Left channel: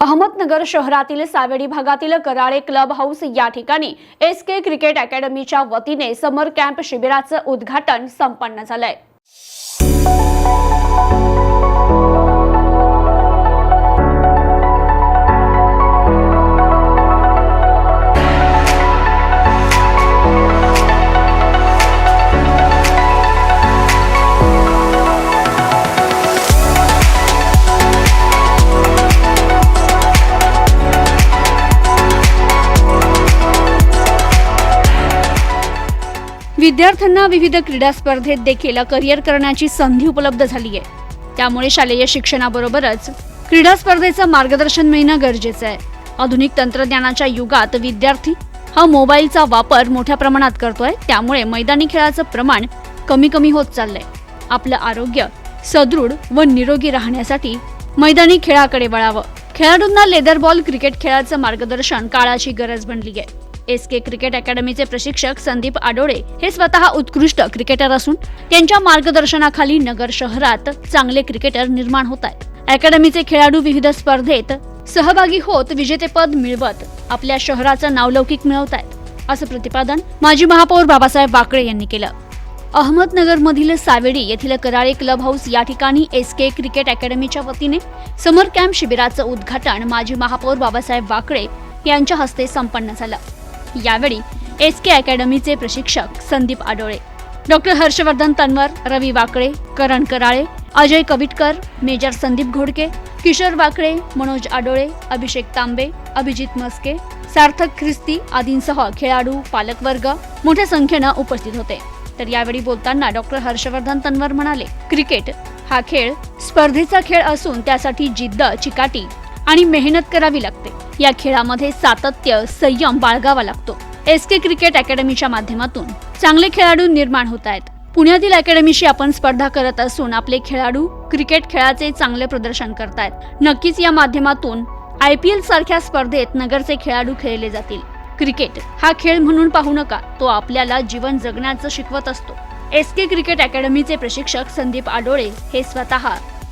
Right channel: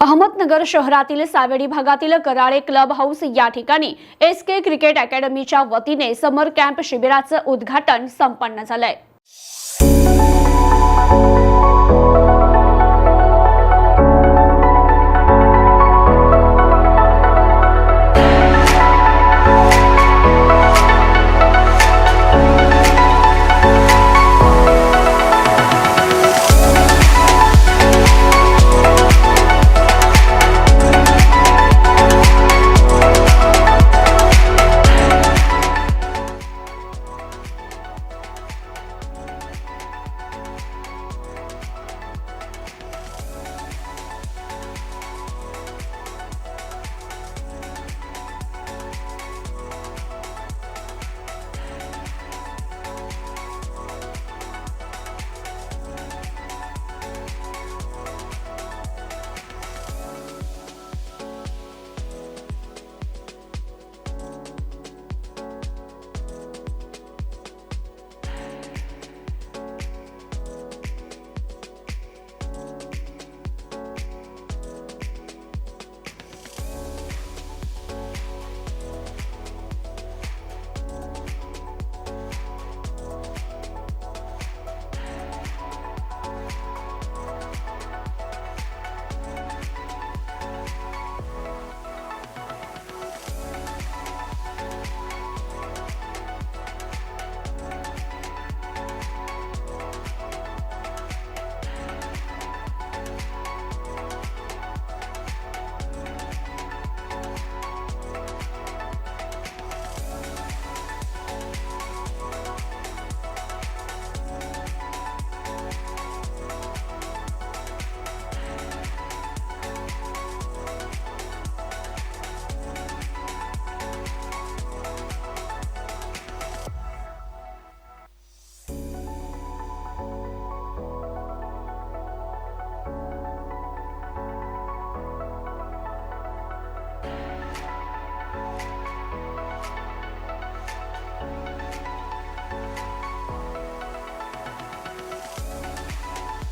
अहमदनगर शहरातील सावेडी भागातील Karale club house या ठिकाणी एस के क्रिकेट अकॅडमीच्या वतीने समर कॅम्प शिबिराचं उद्घाटन संपन्न झालंय. मुलांना विविध क्रीडा स्पर्धेत देखील करिअर करण्याची संधी उपलब्ध झाली आहे. त्यामुळे शालेय शिक्षणाबरोबरच क्रीडा स्पर्धेचं मार्गदर्शन मिळणं गरजेचं आहे. आधुनिक तंत्रज्ञानाच्या युगात विद्यार्थी हा मोबाईलचा वापर मोठ्या प्रमाणात करतोय. त्यामुळे मैदानी खेळाचं प्रमाण कमी कमी होत चाललंय. आपलं आरोग्य सदृढ व निरोगी राहण्यासाठी मैदानी खेळाकडे वळावं. खेळाडूंना लेदर बॉल क्रिकेट खेळाचं मार्गदर्शन काळाची गरज बनली आहे. एस के क्रिकेट अकॅडमीचे प्रशिक्षक संदीप आडोळे हे स्वतः उत्कृष्ट क्रिकेटर असून त्यांच्या मार्गदर्शनाखाली नगर शहरात चांगले क्रिकेटर निर्माण होत आहेत. अकॅडमीचे खेळाडू विविध स्पर्धेत सहभागी होत विजेतेपद मिळवत आपल्या शहराचं नावलौकिक मिळवत आहेत असं प्रतिपादन माजी महापौर बाबासाहेब वाकळे यांनी केलं. अहमदनगरमधील सावेडी येथील कराळे क्लब हाऊस या ठिकाणी एस के क्रिकेट अकॅडमीच्या वतीने समर कॅम्प शिबिराचं उद्घाटन माजी महापौर बाबासाहेब वाकळे यांच्या हस्ते संपन्न झालं. यावेळी एस के अकॅडमीचे प्रशिक्षक संदीप आडोळे डॉक्टर हर्षवर्धन तन्वर रवी वाकळे करण कराळे अजय कविटकर मेजर संदीप घोडके किशोर वाकळे मनोज आडोळे अभिषेक तांबे अभिजित मस्के सार्थक ख्रिस्ती आदींसह खेळाडू पालकवर्ग मोठ्या संख्येनं उपस्थित होते. तर यावेळी बोलताना डॉक्टर हर्षवर्धन तन्वर म्हणाले क्रिकेट हा खेळ स्पर्धेचा खेळ असून त्यासाठी जिद्द चिकाटी आणि मेहनत करावी लागते. या खेळामध्ये सातत्य संयम बाळगावा लागतो. एस के क्रिकेट अकॅडमीच्या माध्यमातून चांगले खेळाडू निर्माण होत आहेत. पुण्यातील अकॅडमीशी आपण स्पर्धा करत असून आपले खेळाडू क्रिकेट खेळाचे चांगले प्रदर्शन करतायत. नक्कीच या माध्यमातून आय पी एल सारख्या स्पर्धेत नगरचे खेळाडू खेळले जातील. क्रिकेट हा खेळ म्हणून पाहू नका तो आपल्याला जीवन जगण्याचं शिकवत असतो. एस के क्रिकेट अकॅडमीचे प्रशिक्षक संदीप आडोळे हे स्वतः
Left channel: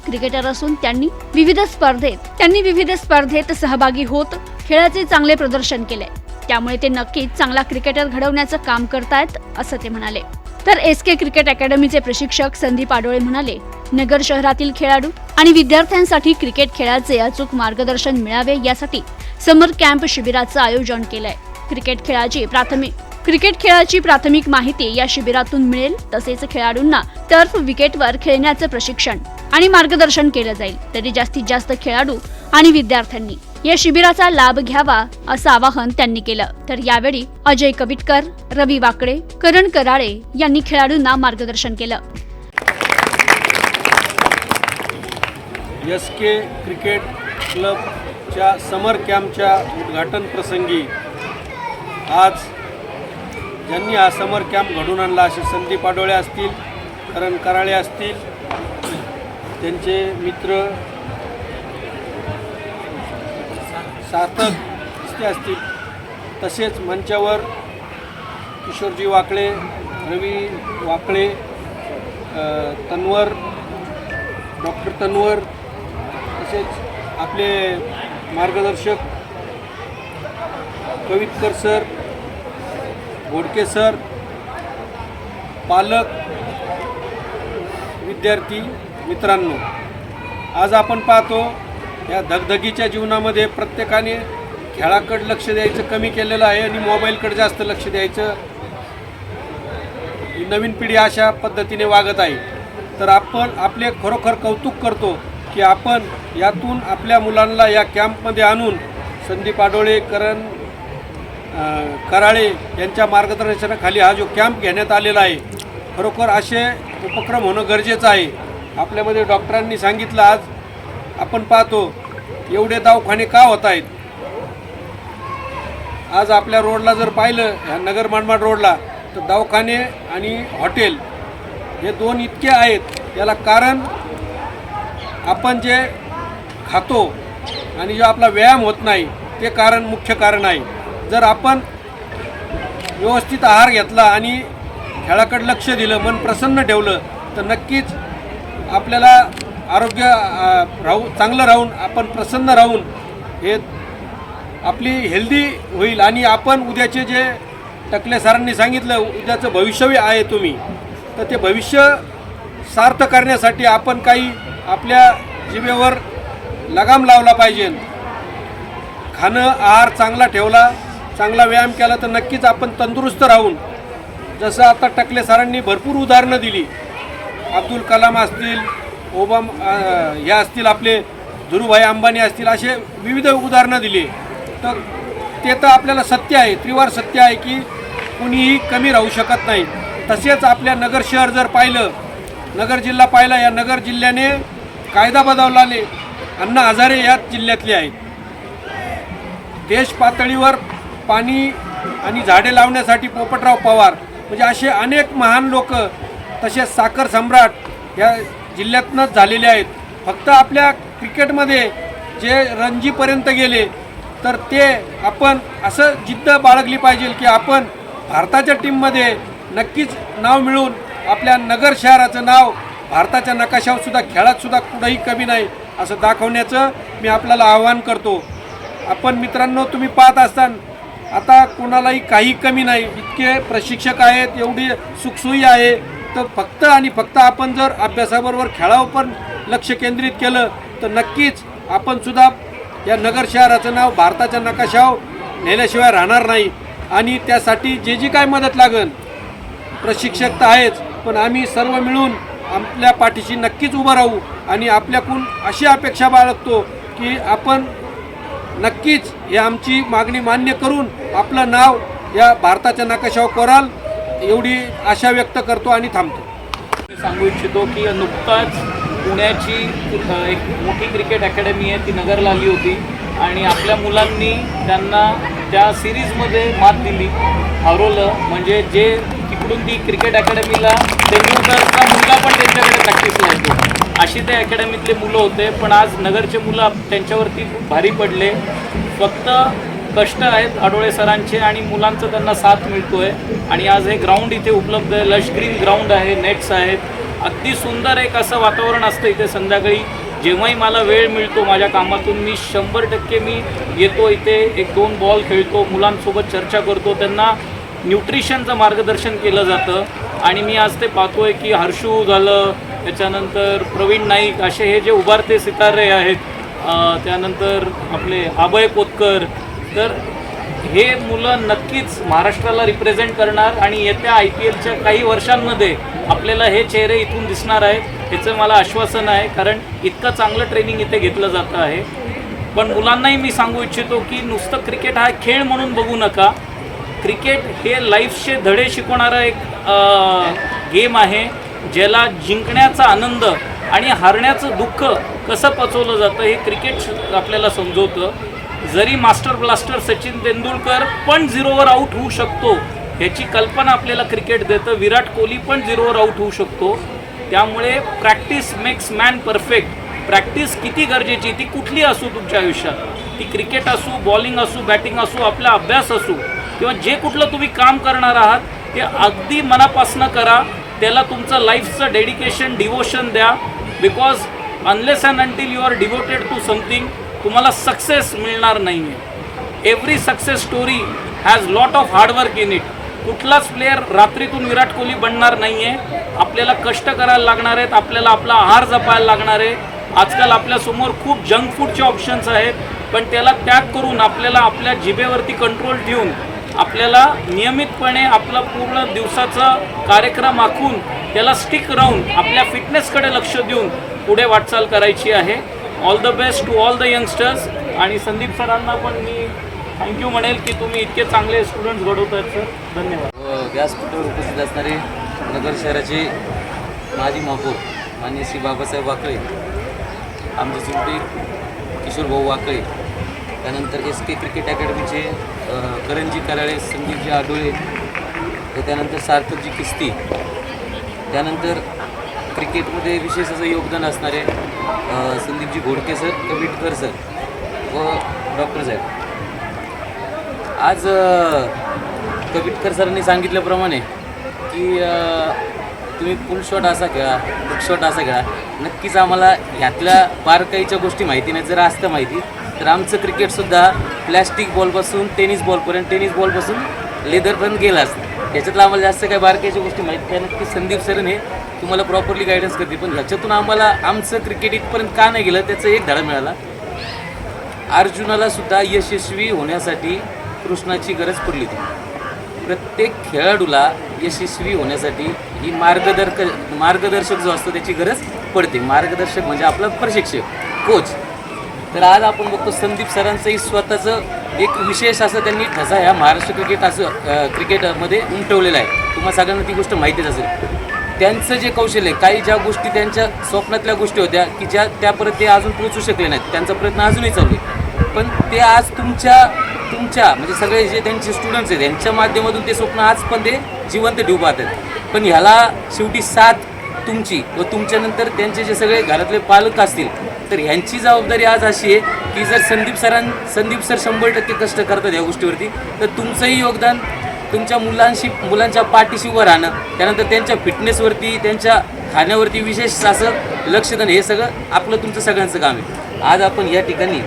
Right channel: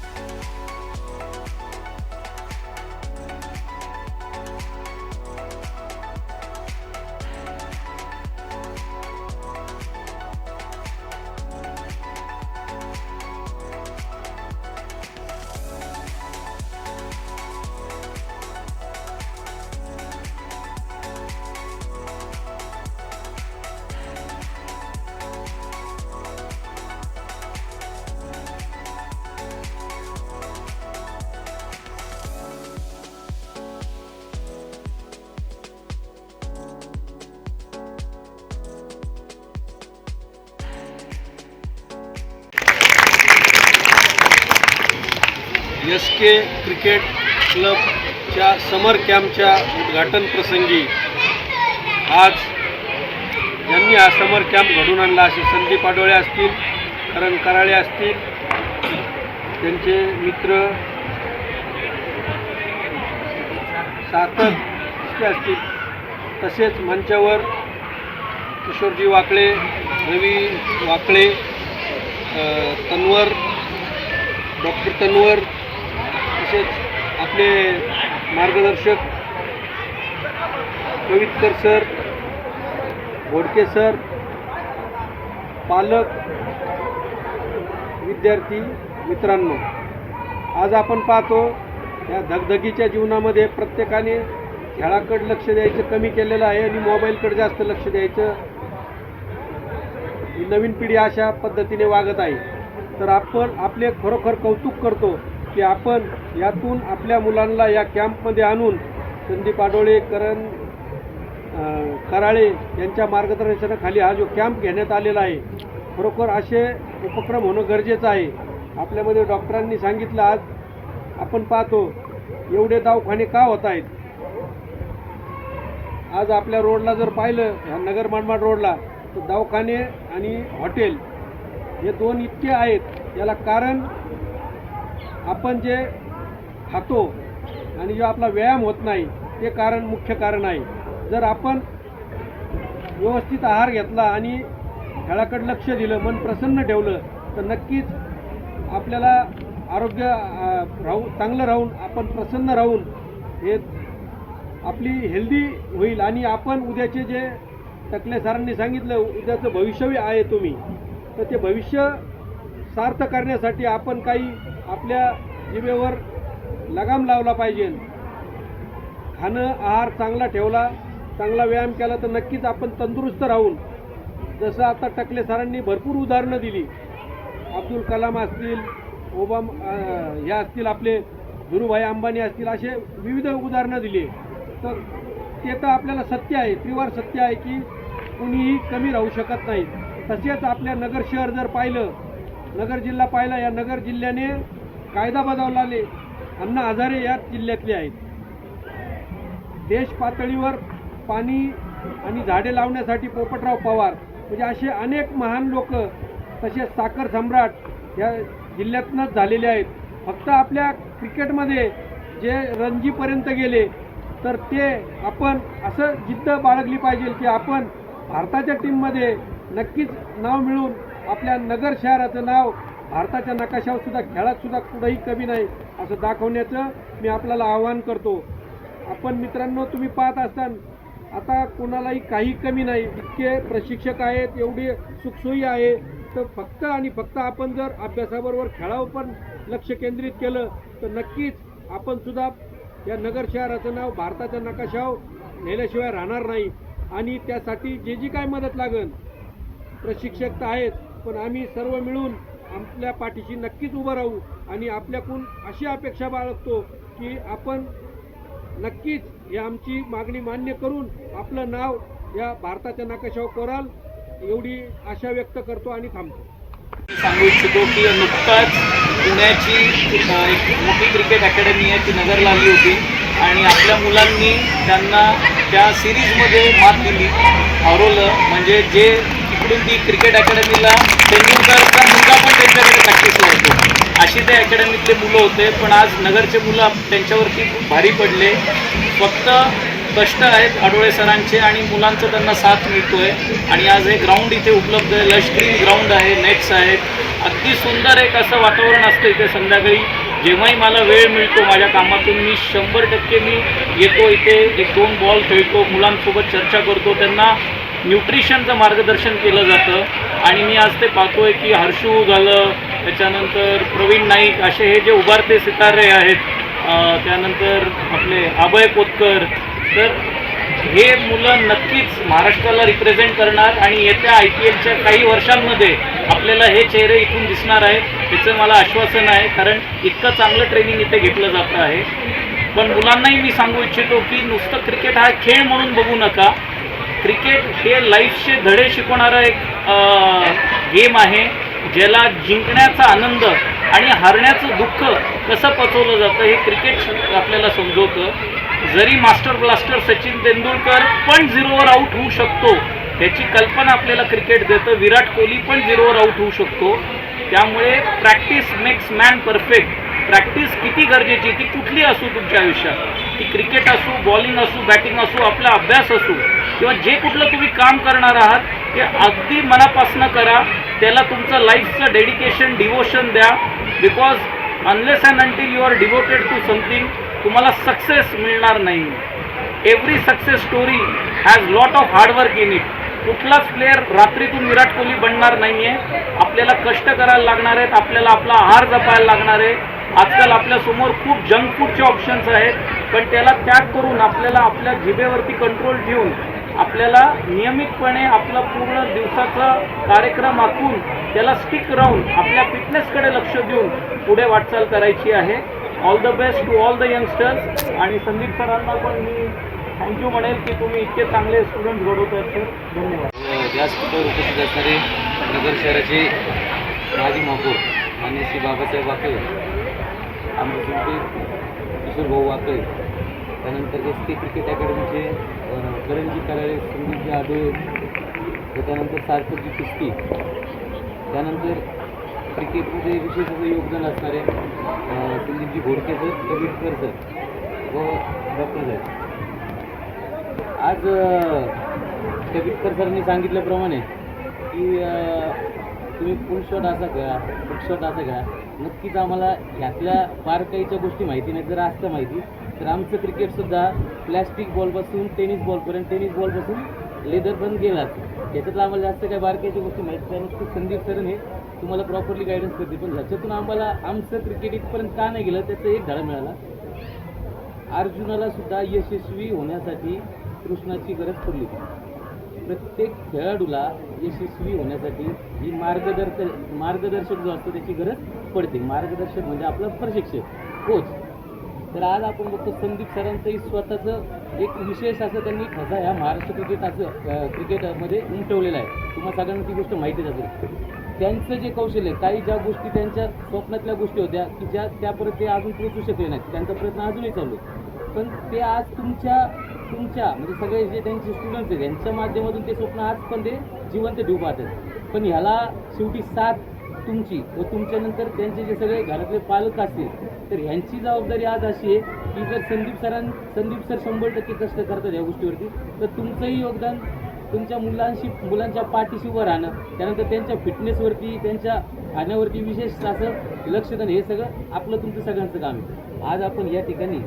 क्रिकेटर असून त्यांनी विविध स्पर्धेत त्यांनी विविध स्पर्धेत सहभागी होत खेळाचे चांगले प्रदर्शन केले. त्यामुळे ते नक्कीच चांगला क्रिकेटर घडवण्याचं काम करतायत असं ते म्हणाले. तर एस के क्रिकेट अकॅडमीचे प्रशिक्षक संदीप आडोळे म्हणाले नगर शहरातील खेळाडू आणि विद्यार्थ्यांसाठी क्रिकेट खेळाचे अचूक मार्गदर्शन मिळावे यासाठी समर कॅम्प शिबिराचं आयोजन केलंय. क्रिकेट खेळाची प्राथमिक क्रिकेट खेळाची प्राथमिक माहिती या शिबिरातून मिळेल तसेच खेळाडूंना टर्फ विकेटवर खेळण्याचं प्रशिक्षण आणि मार्गदर्शन केलं जाईल. तरी जास्तीत जास्त खेळाडू आणि विद्यार्थ्यांनी या शिबिराचा लाभ घ्यावा असं आवाहन त्यांनी केलं. तर यावेळी अजय कविटकर रवी वाकडे करण कराळे यांनी खेळाडूंना मार्गदर्शन केलं. एस के क्रिकेट क्लबच्या समर कॅम्पच्या उद्घाटन प्रसंगी आज ज्यांनी हा समर कॅम्प घडून आणला असे संदीप आडोळे असतील करण कराळे असतील त्यांचे मित्र सार्थक दिसते असतील. तसेच मंचावर किशोरजी वाकळे रवी वाकळे तन्वर डॉक्टर तन्वर तसेच आपले मार्गदर्शक कवितकर सर घोडके सर पालक विद्यार्थी मित्रांनो आज आपण पाहतो या धगधगीच्या जीवनामध्ये प्रत्येकाने खेळाकडे लक्ष द्यायचं कमी केलेलं आहे आणि मोबाईलकडे जास्त लक्ष द्यायचं. ही नवीन पिढी अशा पद्धतीने वागत आहे. तर आपण आपले खरोखर कौतुक करतो की आपण यातून आपल्या मुलांना या कॅम्पमध्ये आणून संदीप आडोळे करण कराळे यांच्या मार्गदर्शनाखाली हा जो कॅम्प घेण्यात आलेला आहे खरोखर असे उपक्रम होणं गरजेचं आहे. आपल्यामध्ये डॉक्टरांनी सांगितलं आज आपण पाहतो एवढे दवाखाने का होत आहेत आज आपल्या रोडला जर पाहिलं ह्या नगर मनमाड रोडला तर दवाखाने आणि हॉटेल हे दोन इतके आहेत याला कारण आपण जे खातो आणि जो आपला व्यायाम होत नाही ते कारण मुख्य कारण आहे. जर आपण व्यवस्थित आहार घेतला आणि खेळाकडे लक्ष दिलं मन प्रसन्न ठेवलं तर नक्कीच आपल्याला आरोग्य राहू चांगलं राहून आपण प्रसन्न राहून हे आपली हेल्दी होईल आणि आपण उद्याचे जे टकले सरांनी सांगितलं उद्याचं भविष्यही आहे तुम्ही तर ते भविष्य सार्थ करण्यासाठी आपण काही आपल्या जिभेवर लगाम लावला पाहिजे. खाणं आहार चांगला ठेवला चांगला व्यायाम केला तर नक्कीच आपण तंदुरुस्त राहून जसं आता टकले सरांनी भरपूर उदाहरणं दिली अब्दुल कलाम असतील ओबाम हे असतील आपले धुरुभाई अंबानी असतील असे विविध उदाहरणं दिली. तर ते तर आपल्याला सत्य आहे त्रिवार सत्य आहे की कुणीही कमी राहू शकत नाही. तसेच आपल्या नगर शहर जर पाहिलं नगर जिल्हा पाहिला या नगर जिल्ह्याने कायदा बदललाने अण्णा हजारे या जिल्ह्यातले आहेत. देश पातळीवर पाणी आणि झाडे लावण्यासाठी पोपटराव पवार म्हणजे असे अनेक महान लोक तसेच साखर सम्राट या जिल्ह्यातनंच झालेले आहेत. फक्त आपल्या क्रिकेटमध्ये जे रणजीपर्यंत गेले तर ते आपण असं जिद्द बाळगली पाहिजे की आपण भारताच्या टीममध्ये नक्कीच नाव मिळून आपल्या नगर शहराचं नाव भारताच्या नकाशावर सुद्धा खेळात सुद्धा कुठंही कमी नाही असं दाखवण्याचं मी आपल्याला आवाहन करतो. आपण मित्रांनो तुम्ही पाहत असताना आता कोणालाही काही कमी नाही. इतके प्रशिक्षक आहेत एवढी सुखसोयी आहे. तर फक्त आणि फक्त आपण जर अभ्यासाबरोबर खेळावर पण लक्ष केंद्रित केलं तर नक्कीच आपण सुद्धा या नगर शहराचं नाव भारताच्या नकाशावर नेल्याशिवाय राहणार नाही. आणि त्यासाठी जे जी काय मदत लागेल प्रशिक्षक तर आहेच पण आम्ही सर्व मिळून आपल्या पाठीशी नक्कीच उभं राहू आणि आपल्याकडून अशी अपेक्षा बाळगतो की आपण नक्कीच ही आमची मागणी मान्य करून आपलं नाव या भारताच्या नकाशावर कराल. एवढी आशा व्यक्त करतो आणि थांबतो. सांगू इच्छितो की नुकताच पुण्याची एक मोठी क्रिकेट अकॅडमी आहे ती नगरला आली होती. आणि आपल्या मुलांनी त्यांना त्या सिरीजमध्ये मात दिली. हरवलं. म्हणजे जे तिकडून ती क्रिकेट अकॅडमीला तेंडुलकरचा मुलगा पण त्यांच्याकडे प्रॅक्टिसला येतो अशी ते अकॅडमीतले मुलं होते. पण आज नगरचे मुलं त्यांच्यावरती खूप भारी पडले. फक्त कष्ट आहेत आडोळे सरांचे आणि मुलांचं त्यांना साथ मिळतोय. आणि आज हे ग्राउंड इथे उपलब्ध आहे. लश ग्रीन ग्राउंड आहे नेट्स आहेत. अगदी सुंदर एक असं वातावरण असतं इथे संध्याकाळी. जेव्हाही मला वेळ मिळतो माझ्या कामातून मी शंभर टक्के मी येतो इथे. एक दोन बॉल खेळतो मुलांसोबत चर्चा करतो. त्यांना न्यूट्रिशनचं मार्गदर्शन केलं जातं. आणि मी आज ते पाहतोय की हर्षू झालं त्याच्यानंतर प्रवीण नाईक असे हे जे उभारते सितारे आहेत त्यानंतर आपले अभय पोतकर तर हे मुलं नक्कीच महाराष्ट्राला रिप्रेझेंट करणार आणि येत्या आय पी एलच्या काही वर्षांमध्ये आपल्याला हे चेहरे इथून दिसणार आहेत याचं मला आश्वासन आहे. कारण इतकं चांगलं ट्रेनिंग इथे घेतलं जातं आहे. पण मुलांनाही मी सांगू इच्छितो की नुसतं क्रिकेट हा खेळ म्हणून बघू नका. क्रिकेट हे लाईफचे धडे शिकवणारं एक गेम आहे ज्याला जिंकण्याचा आनंद आणि हारण्याचं दुःख कसं पचवलं जातं हे क्रिकेट आपल्याला समजवतं. जरी मास्टर ब्लास्टर सचिन तेंडुलकर पण झिरोवर आऊट होऊ शकतो ह्याची कल्पना आपल्याला क्रिकेट देतं. विराट कोहली पण झिरोवर आऊट होऊ शकतो. त्यामुळे practice makes man perfect practice किती गरजेची ती कुठली असू तुमच्या आयुष्यात? ती क्रिकेट असू बॉलिंग असू बॅटिंग असू आपला अभ्यास असू किंवा जे कुठलं तुम्ही काम करणार आहात ते अगदी मनापासनं करा. त्याला तुमचं लाईफचं डेडिकेशन डिवोशन द्या. Because unless and until you are devoted to something तुम्हाला सक्सेस मिळणार नाही. Every success story has lot of hard work in it कुठलाच प्लेअर रात्रीतून विराट कोहली बनणार नाही आहे आपल्याला कष्ट करायला लागणार आहेत आपल्याला आपला आहार जपायला लागणार आहे. आजकाल आपल्यासमोर खूप जंक फूडचे ऑप्शन्स आहेत पण त्याला त्याग करून आपल्याला आपल्या जिभेवरती कंट्रोल ठेवून आपल्याला नियमितपणे आपला पूर्ण दिवसाचा कार्यक्रम आखून त्याला स्टिक राहून आपल्या फिटनेसकडे लक्ष देऊन पुढे वाटचाल करायची आहे. All the best to all the youngsters आणि संदीप सरांना पण मी थँक्यू म्हणेल की तुम्ही इतके चांगले स्टुडंट्स घडवतात सर धन्यवाद. व्यासपीठावर उपस्थित असणारे नगर शहराचे माजी महापौर मान्य श्री बाबासाहेब वाकळे आमचे चुलते किशोर भाऊ वाकळे त्यानंतर एस के क्रिकेट अकॅडमीचे करणजी करंजी कराळे संदीपजी आडोळे व त्यानंतर सार्थकजी किस्ती. त्यानंतर क्रिकेटमध्ये विशेष असं योगदान असणारे संदीपजी घोडके सर कविटकर सर व डॉक्टर साहेब. आज कविटकर सरांनी सांगितल्याप्रमाणे की तुम्ही फुल शॉट असा खेळा बुक शॉट असा खेळा. नक्कीच आम्हाला ह्यातल्या बारकाईच्या गोष्टी माहिती नाही जर असतं माहिती तर आमचं क्रिकेटसुद्धा प्लॅस्टिक बॉलपासून टेनिस बॉलपर्यंत टेनिस बॉलपासून लेदरपर्यंत गेलाच त्याच्यातलं आम्हाला जास्त काही बारकाईच्या गोष्टी माहीत नाही. नक्की संदीप सरन हे तुम्हाला प्रॉपरली गायडन्स करते पण ह्याच्यातून आम्हाला आमचं क्रिकेट इथपर्यंत का नाही गेलं त्याचा एक धडा मिळाला. अर्जुनाला सुद्धा यशस्वी होण्यासाठी कृष्णाची गरज पडली होती. प्रत्येक खेळाडूला यशस्वी होण्यासाठी ही मार्गदर्शक मार्गदर्शक जो असतो त्याची गरज पडते. मार्गदर्शक म्हणजे आपला प्रशिक्षक कोच तर आज आपण बघतो संदीप सरांचंही स्वतःचं एक विशेष असं त्यांनी ठसा ह्या महाराष्ट्र क्रिकेट असं क्रिकेटमध्ये उमटवलेला आहे. तुम्हाला सगळ्यांना ती गोष्ट माहितीच असेल. त्यांचं जे कौशल्य आहे, काही ज्या गोष्टी त्यांच्या स्वप्नातल्या गोष्टी होत्या की ज्या त्या परत ते अजून पोहोचू शकले नाहीत. त्यांचा प्रयत्न अजूनही चालू आहे. पण ते आज तुमच्या तुमच्या म्हणजे सगळे जे त्यांचे स्टुडंट्स आहेत त्यांच्या माध्यमातून ते स्वप्न आज पण ते जिवंत ठेवू पाहतात. पण ह्याला शेवटी साथ तुमची व तुमच्यानंतर त्यांचे जे सगळे घरातले पालक असतील तर ह्यांची जबाबदारी आज अशी आहे की जर संदीप सरां संदीप सर शंभर टक्के कष्ट करतात या गोष्टीवरती तर तुमचंही योगदान तुमच्या मुलांशी मुलांच्या पाठीशी उभं राहणं त्यानंतर त्यांच्या फिटनेसवरती त्यांच्या खाण्यावरती विशेष असं लक्ष देणं हे सगळं आपलं तुमचं सगळ्यांचं काम आहे. आज आपण या ठिकाणी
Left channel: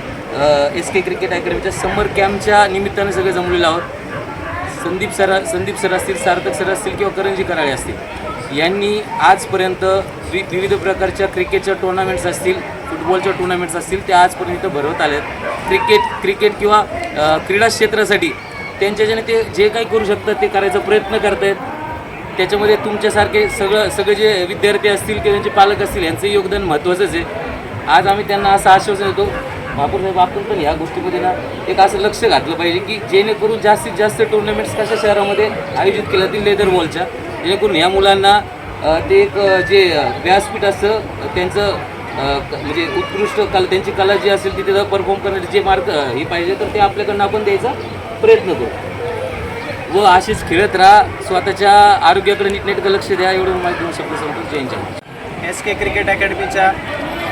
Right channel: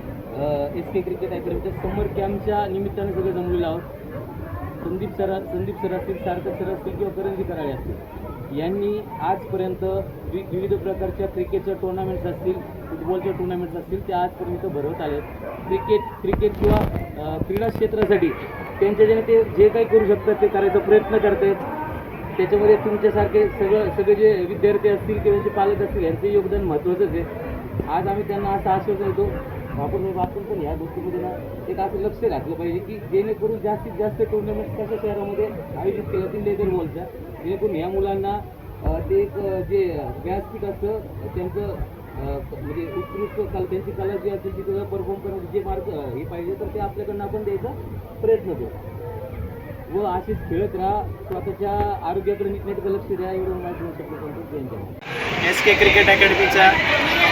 एस के क्रिकेट अकॅडमीच्या समर कॅम्पच्या निमित्तानं सगळे जमलेलो आहोत. संदीप सर संदीप सर असतील सार्थक सर असतील किंवा करंजी कराळे असतील यांनी आजपर्यंत वि विविध प्रकारच्या क्रिकेटच्या टुर्नामेंट्स असतील फुटबॉलच्या टुर्नामेंट्स असतील ते आजपर्यंत इथं भरवत आहेत क्रिकेट क्रिकेट किंवा क्रीडा क्षेत्रासाठी त्यांच्याच्याने ते जे काही करू शकतात ते करायचा प्रयत्न करत आहेत त्याच्यामध्ये तुमच्यासारखे सगळं सगळे जे विद्यार्थी असतील किंवा त्यांचे पालक असतील यांचं योगदान महत्त्वाचंच आहे. आज आम्ही त्यांना असं आश्वासन देतो. महापूर साहेब आपण पण ह्या गोष्टीमध्ये ना एक असं लक्ष घातलं पाहिजे की जेणेकरून जास्तीत जास्त टुर्नामेंट्स कशा शहरामध्ये आयोजित केल्या जातील लेदर बॉलच्या जेणेकरून ह्या मुलांना ते एक जे व्यासपीठ असतं त्यांचं म्हणजे उत्कृष्ट कला त्यांची कला जी असेल ती तिथं परफॉर्म करण्याचे जे मार्क हे पाहिजे तर ते आपल्याकडनं आपण द्यायचा. प्रयत्न करू. व असेच खेळत राहा स्वतःच्या आरोग्याकडे नीटनेटकं लक्ष द्या एवढं माहिती देऊ शकतो Santosh Jain S K cricket अकॅडमीच्या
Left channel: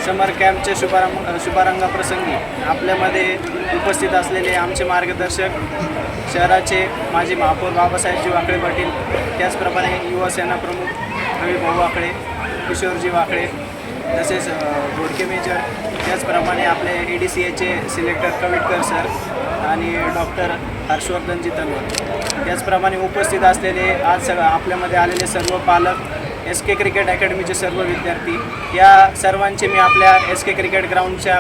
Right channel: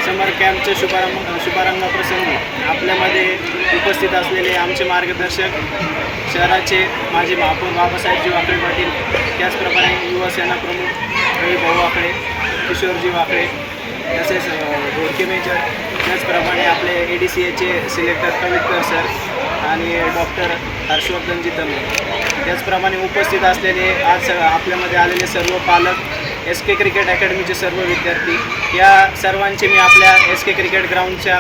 summer कॅम्पच्या शुभारंभ शुभारंभाप्रसंगी आपल्यामध्ये उपस्थित असलेले आमचे मार्गदर्शक शहराचे माजी महापौर बाबासाहेबजी वाकळे पाटील त्याचप्रमाणे युवासेना प्रमुख रवी भाऊ वाकळे किशोरजी वाकळे तसेच अ, घोडके मेजर त्याचप्रमाणे आपले ए डी सी एचे सिलेक्टर कविटकर सर आणि डॉक्टर हर्षवर्धनजी तन्ने त्याचप्रमाणे उपस्थित असलेले आज स- आपल्यामध्ये आलेले सर्व पालक एस के क्रिकेट अकॅडमीचे सर्व विद्यार्थी या सर्वांचे मी आपल्या एस के क्रिकेट ग्राउंडच्या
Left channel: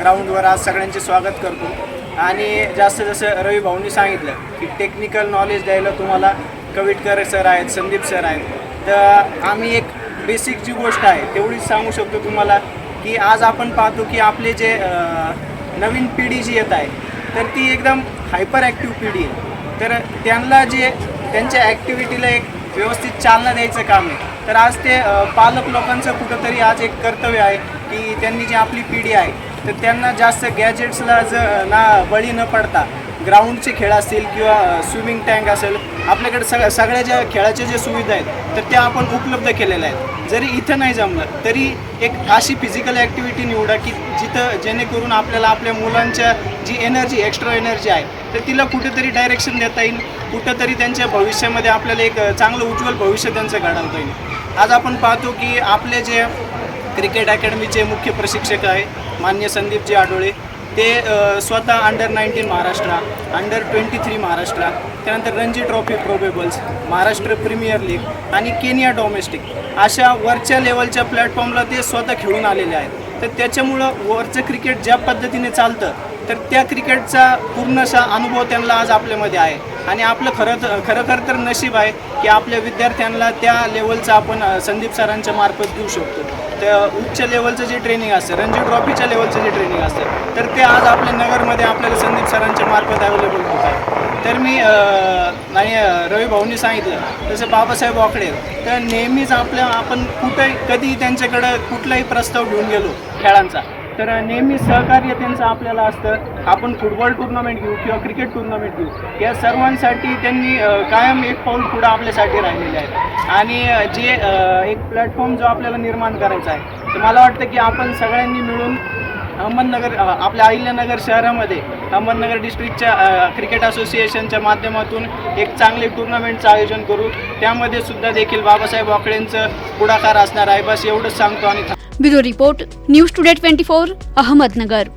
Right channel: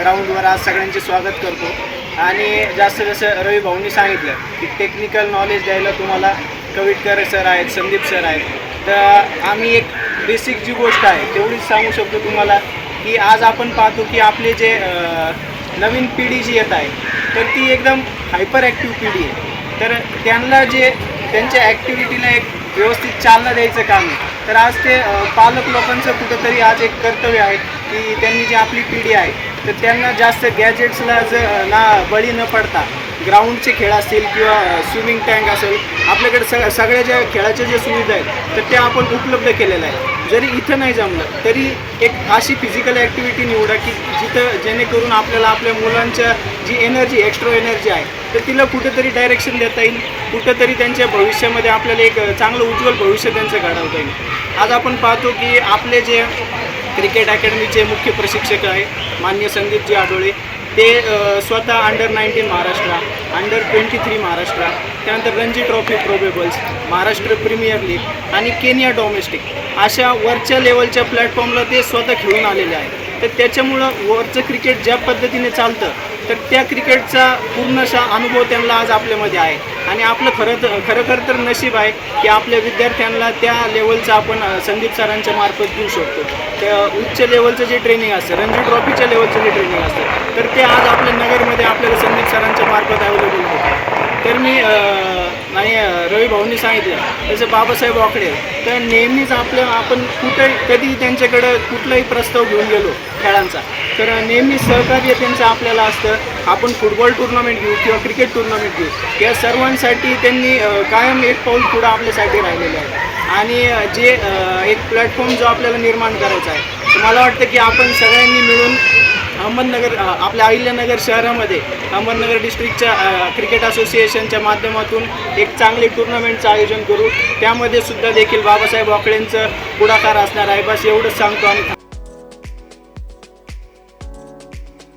ग्राउंडवर आज सगळ्यांचे स्वागत करतो. आणि जास्त जसं रवी भाऊंनी सांगितलं की टेक्निकल नॉलेज द्यायला तुम्हाला कविटकर सर आहेत संदीप सर आहेत. तर आम्ही एक बेसिक जी गोष्ट आहे तेवढीच सांगू शकतो तुम्हाला की आज आपण पाहतो की आपले जे नवीन पिढी जी येत आहे तर ती एकदम हायपर ॲक्टिव्ह पिढी आहे. तर त्यांना जे त्यांच्या ॲक्टिव्हिटीला एक व्यवस्थित चालना द्यायचं काम आहे. तर आज ते पालक लोकांचं कुठंतरी आज एक कर्तव्य आहे की त्यांनी जी आपली पिढी आहे तर त्यांना जास्त गॅजेट्सला ज ना बळी न पडता ग्राउंडचे खेळ असतील किंवा स्विमिंग टँक असेल आपल्याकडे सग सगळ्या ज्या खेळाच्या ज्या सुविधा आहेत तर त्या आपण उपलब्ध केलेल्या आहेत. जरी इथं नाही जमलं तरी एक अशी फिजिकल ॲक्टिव्हिटी निवडा की जिथं जेणेकरून आपल्याला आपल्या मुलांच्या जी एनर्जी एक्स्ट्रा एनर्जी आहे तर तिला कुठेतरी डायरेक्शन देता येईल. कुठंतरी त्यांच्या भविष्यामध्ये आपल्याला एक चांगलं उज्ज्वल भविष्य त्यांचं घडवता येईल. आज आपण पाहतो की आपले जे क्रिकेट अकॅडमीचे मुख्य प्रशिक्षक आहे मान्य संदीपजी आडोळे ते स्वतः under nineteen Maharashtra under twenty three Maharashtra त्यानंतर Ranji trophy probables Maharashtra premier league आणि केनिया डॉमेस्टिक अशा वरच्या लेवलच्या प्लॅटफॉर्मला ते स्वतः खेळून आलेले आहे तर त्याच्यामुळं वरचं क्रिकेट ज्या पद्धतीने चालतं तर त्या क्रिकेटचा पूर्णशा अनुभव त्यांना आज आपल्यामध्ये आहे. आणि आपलं खरं तर खरोखर तर नशीब आहे की आपल्या विद्यार्थ्यांना त्या लेवलचं आपण संदीप सरांच्या मार्फत देऊ शकतो. त्या उच्च लेवलचं जे ट्रेनिंग असतं रणजी ट्रॉफीच्या लेवलचं जे ट्रेनिंग असतं तर ते आज आपल्या नगरमध्ये आपल्याला संदीप सरांच्या मार्फत अवेलेबल होतं. तर मी आणि रवी भाऊंनी सांगितलं. जसं बाबासाहेब वाकडे. तर नेहमीच आपल्या आपण कुठे कधी त्यांच्याकडं कुठलाही प्रस्ताव घेऊन गेलो खेळांचा तर नेहमी सहकार्य त्यांचं आपल्याला असतं. आपण फुटबॉल टुर्नामेंट घेऊ किंवा क्रिकेट टुर्नामेंट घेऊ या सर्वांसाठी त्यांनी कायम एक पाऊल पुढं आपल्यासाठी राहिलेलं आहे. आणि जे एक प्लॅटफॉर्म जो आपल्याला निर्माण करायचा आहे तर मला वाटतं की आपण सगळ्यांनी मिळून अहमदनगर आपल्या अहिल्यानगर शहरामध्ये अहमदनगर डिस्ट्रिक्टच्या क्रिकेट असोसिएशनच्या माध्यमातून एक चांगले टुर्नामेंटचं आयोजन करू. त्यामध्ये सुद्धा देखील बाबासाहेब वाकळेंचं पुढाकार असणार आहे. बस एवढंच सांगतो आणि bureau report news today twenty four Ahmednagar.